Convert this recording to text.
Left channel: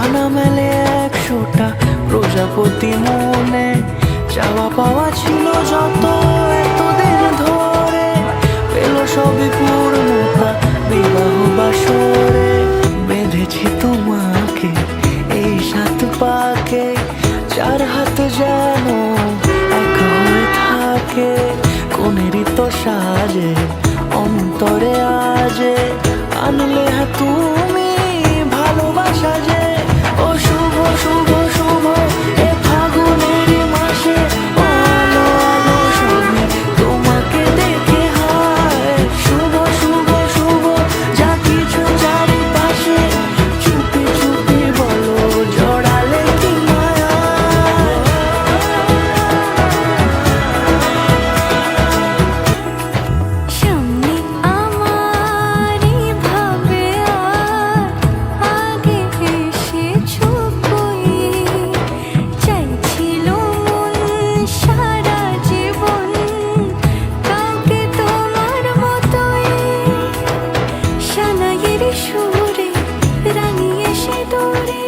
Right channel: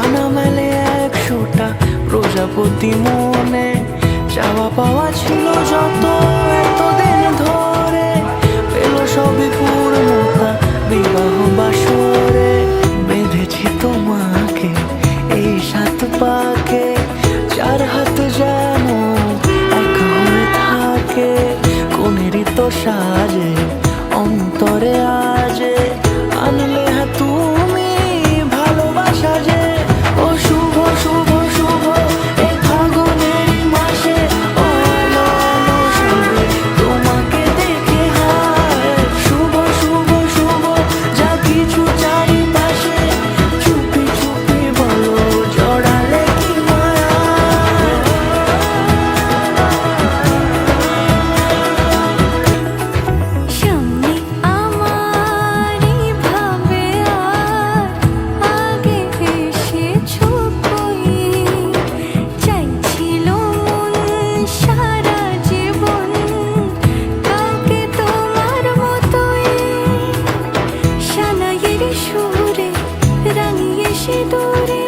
ডানা মেলে 100টা প্রজাপতি মনে, চাওয়া পাওয়া ছিল যত এতদিন ধরে, পেল সবই পূর্ণতা বিবাহ বাসরে। বেঁধেছি তোমাকে এই 7 পাকে, 4 হাত যেন এক হয়ে থাকে, কোনেরই তো সাজে অন্তরে আজে আনলে তুমি ভালোবাসা যে। ও শুভ শুভ শুভ এ ফাগুনেরই মাসে, ও আলো আলো সবই তোমাকে দেখে হায়। শুভ শুভ শুভ যা কিছু চারিপাশে, চুপি চুপি বলো জড়ালে কি মায়া। সামনে আমার ভাবে আর আগে এসেছো কই, চাইছিল মন সারা জীবন কাউকে তোমার মতোই। সানাইয়ের সুরে রাঙিয়ে সে দূরে